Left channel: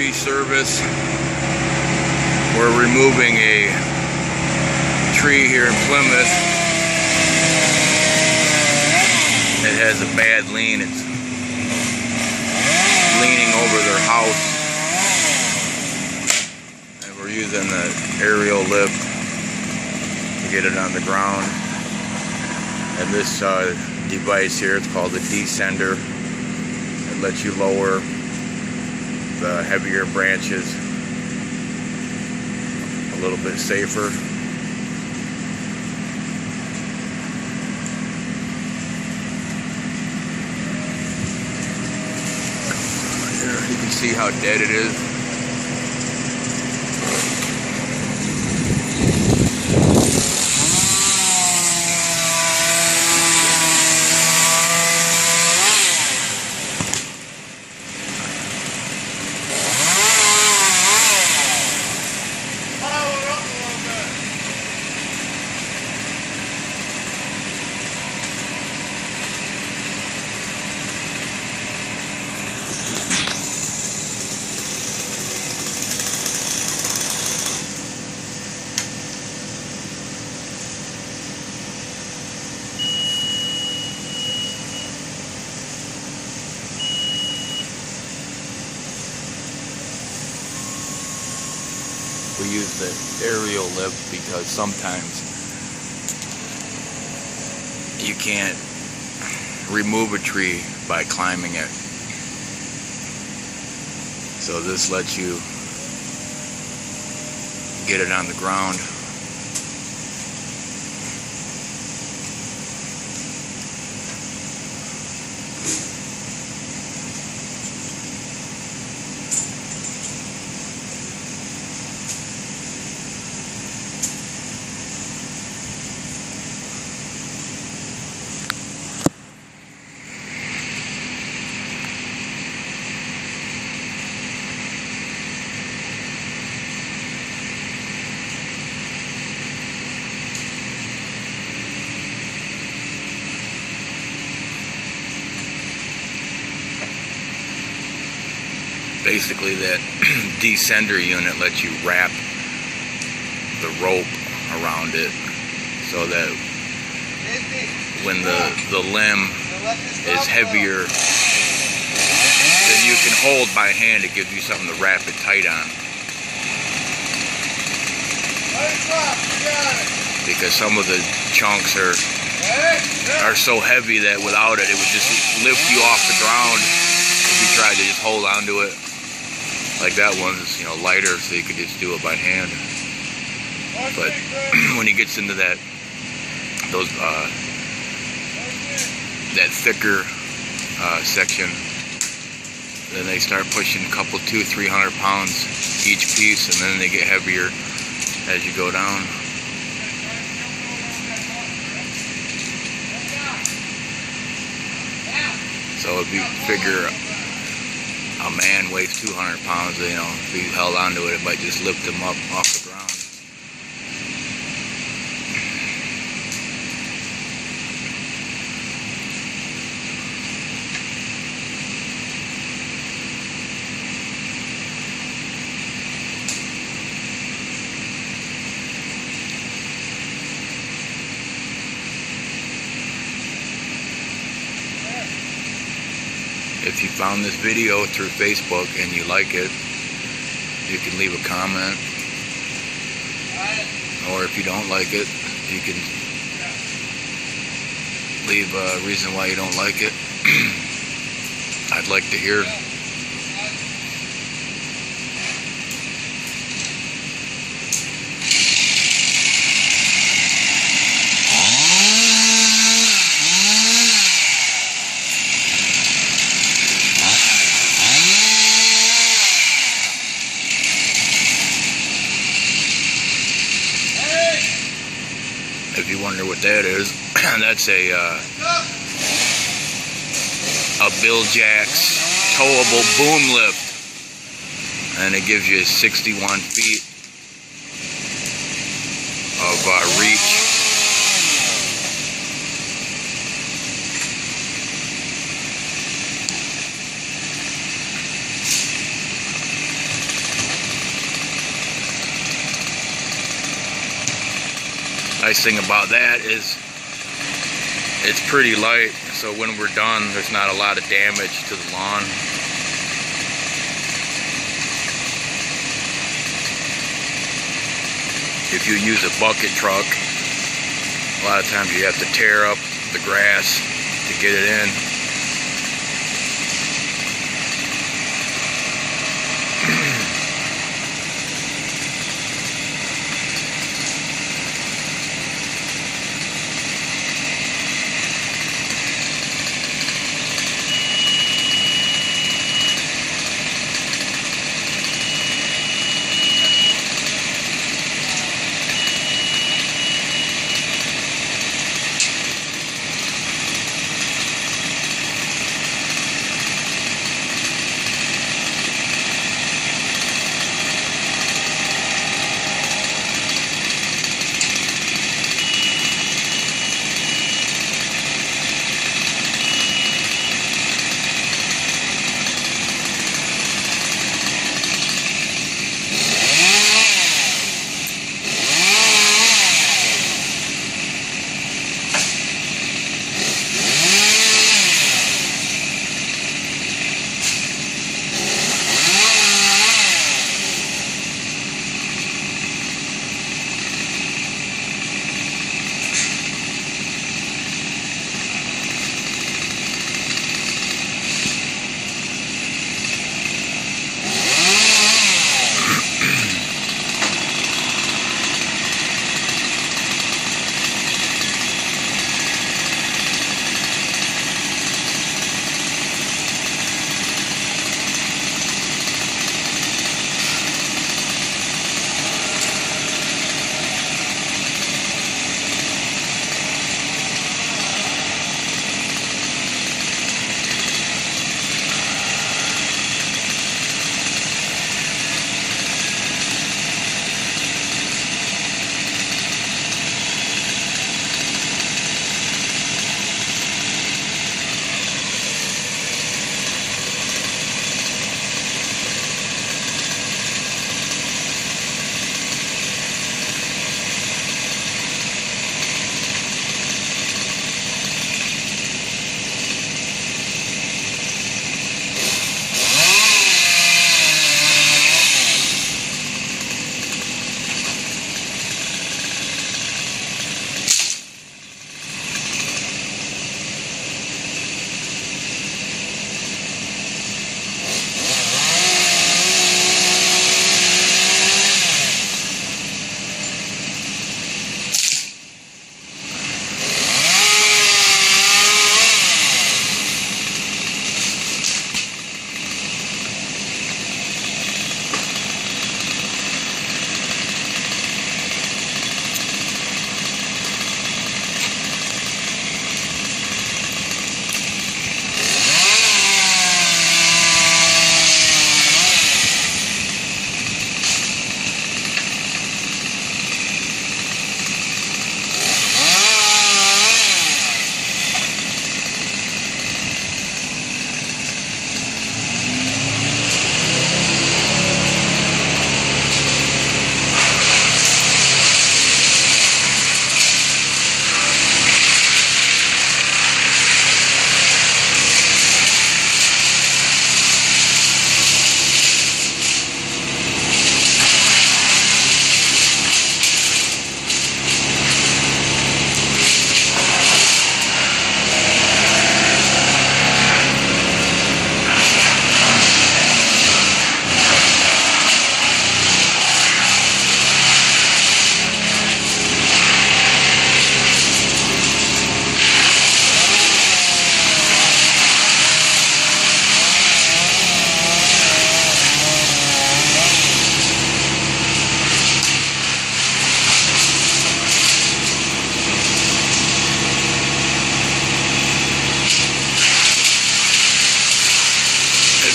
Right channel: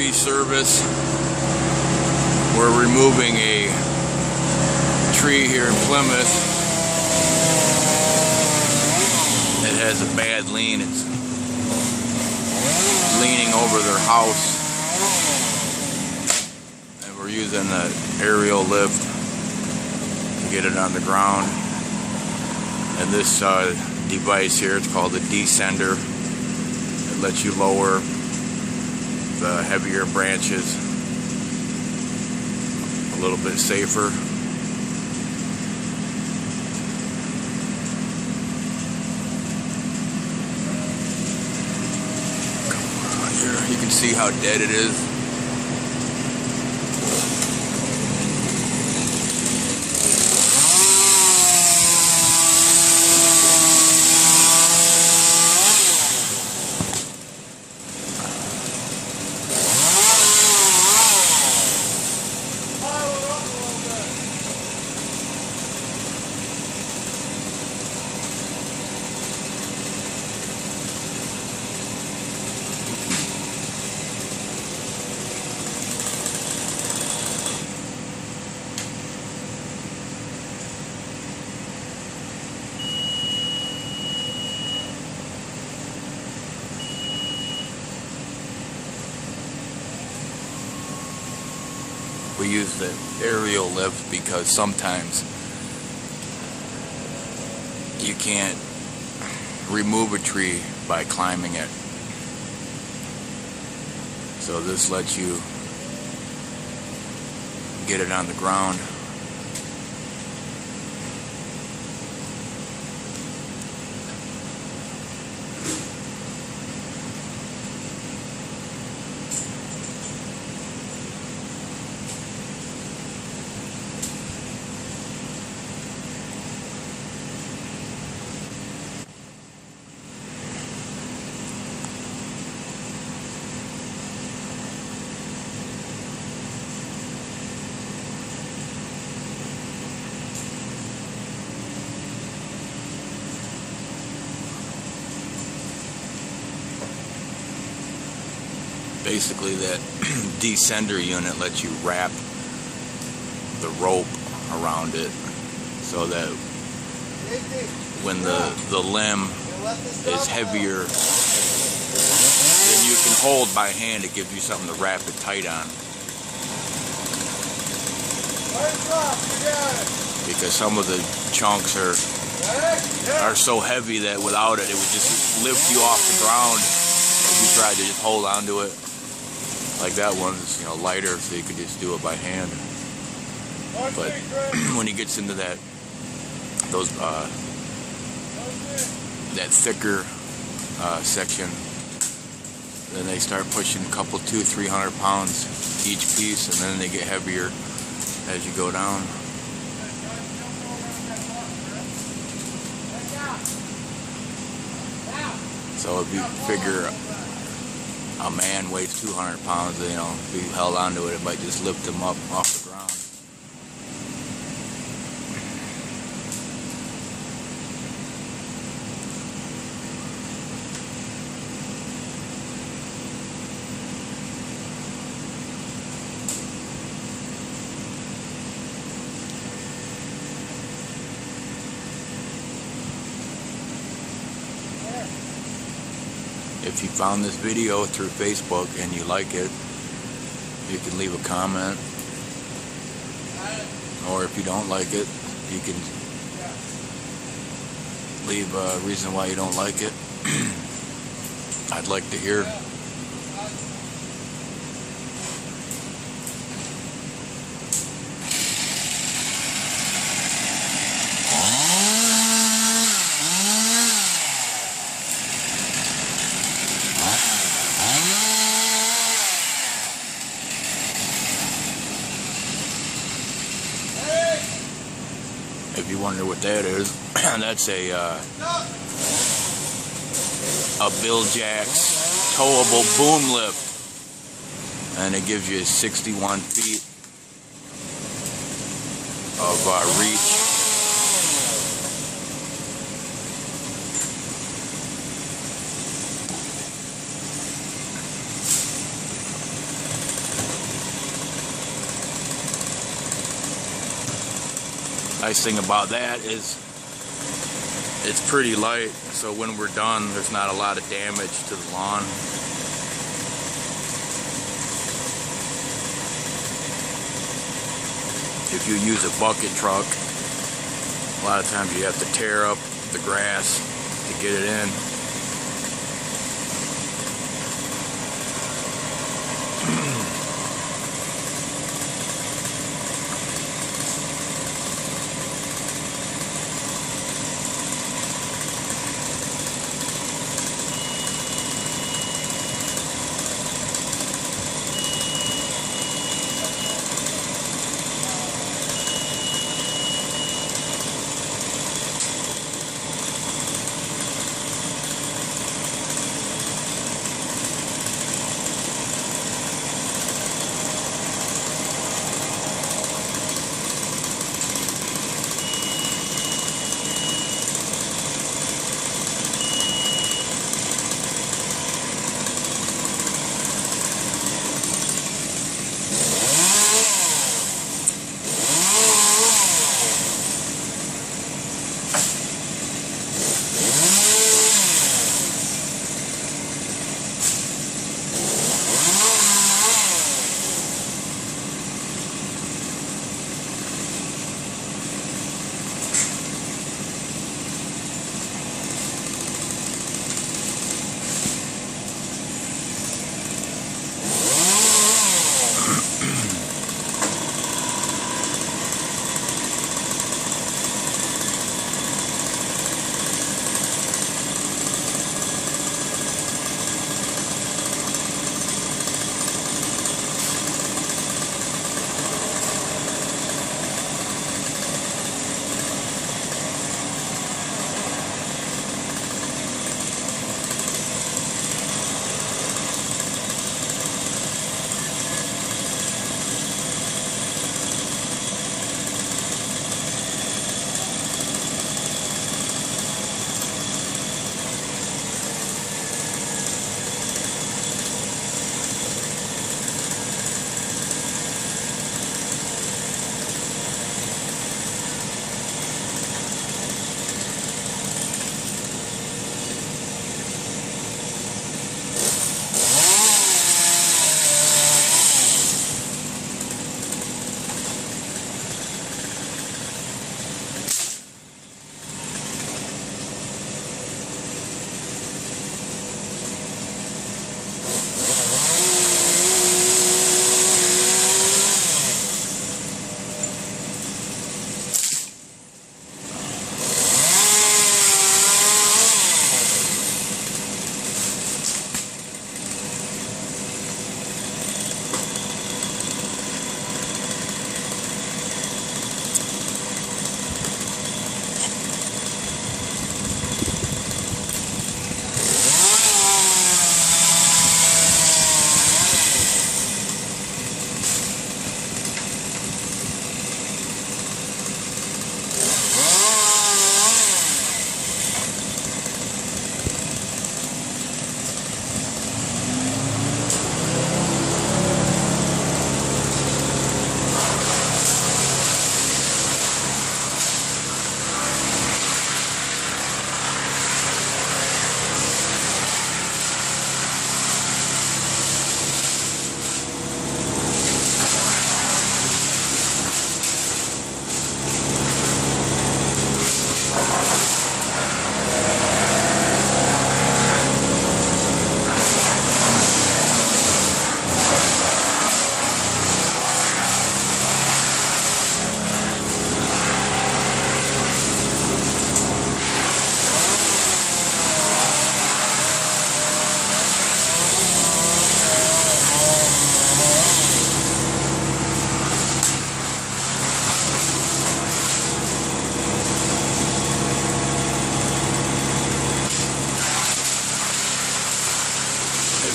tree service. We're removing a tree here in Plymouth. It has a bad lean. It's leaning over their house. And we're using the aerial lift to get it on the ground. And this device here, it's called a descender. It lets you lower the heavier branches a little bit safer. Here you can see how dead it is. We use the aerial lift because sometimes you can't remove a tree by climbing it. So this lets you get it on the ground. Basically, that descender unit lets you wrap the rope around it so that when the limb is heavier than you can hold by hand, it gives you something to wrap it tight on. Because some of the chunks are so heavy that without it, it would just lift you off the ground if you tried to just hold onto it. Like that one's, lighter, so you could just do it by hand. But when he gets into that thicker section, then they start pushing a couple, 200-300 pounds each piece, and then they get heavier as you go down. So if you figure a man weighs 200 pounds, if he held onto it, it might just lift him up off the ground. If you found this video through Facebook and you like it, you can leave a comment. Or if you don't like it, you can leave a reason why you don't like it. I'd like to hear. If you wonder what that is, that's a Bil-Jax towable boom lift, and it gives you 61 feet of reach. nice thing about that is it's pretty light, so when we're done, there's not a lot of damage to the lawn. If you use a bucket truck, a lot of times you have to tear up the grass to get it in.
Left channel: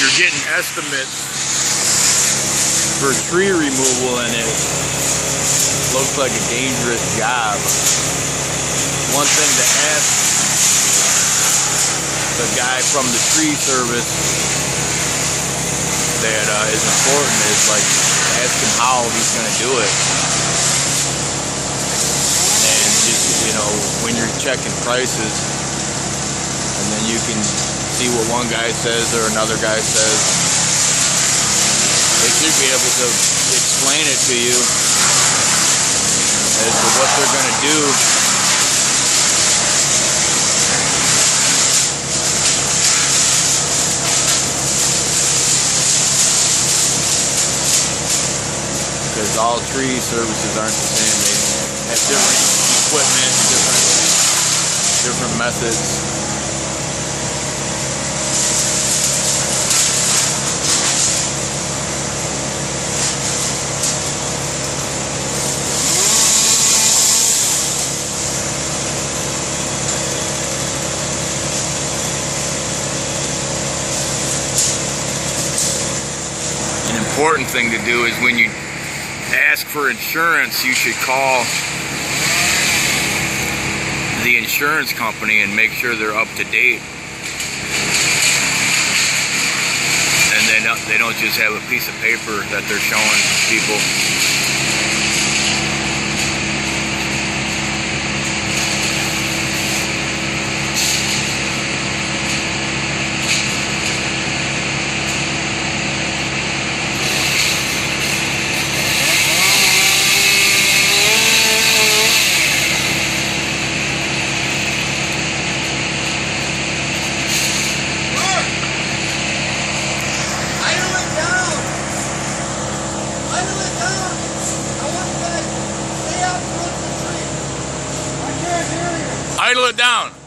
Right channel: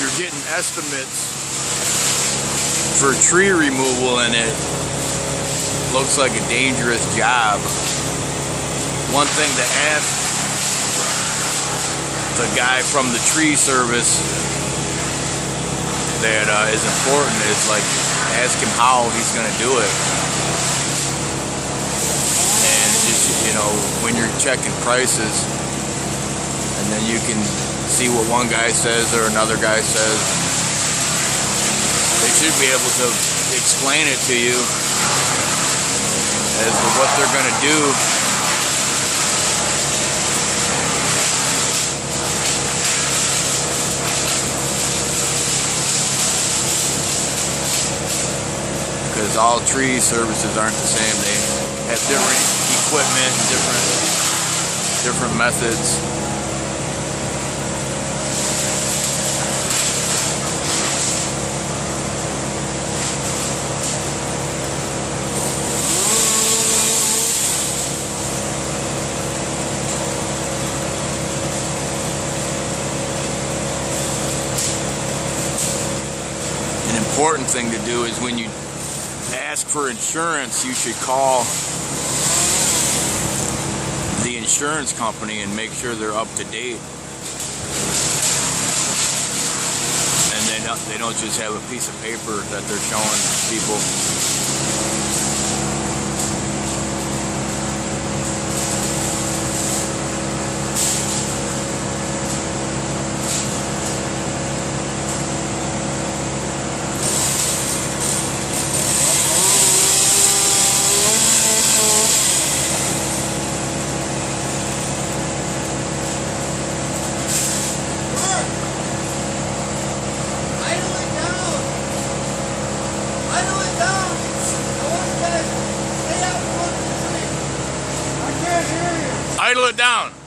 you're getting estimates for tree removal and it looks like a dangerous job, one thing to ask the guy from the tree service that is important is, like, ask him how he's going to do it. And you know, when you're checking prices, and then you can see what one guy says or another guy says. They should be able to explain it to you as to what they're going to do. Because all tree services aren't the same. They have different equipment, different methods. An important thing to do is when you ask for insurance, you should call the insurance company and make sure they're up to date. And they don't just have a piece of paper that they're showing people. Idle it down.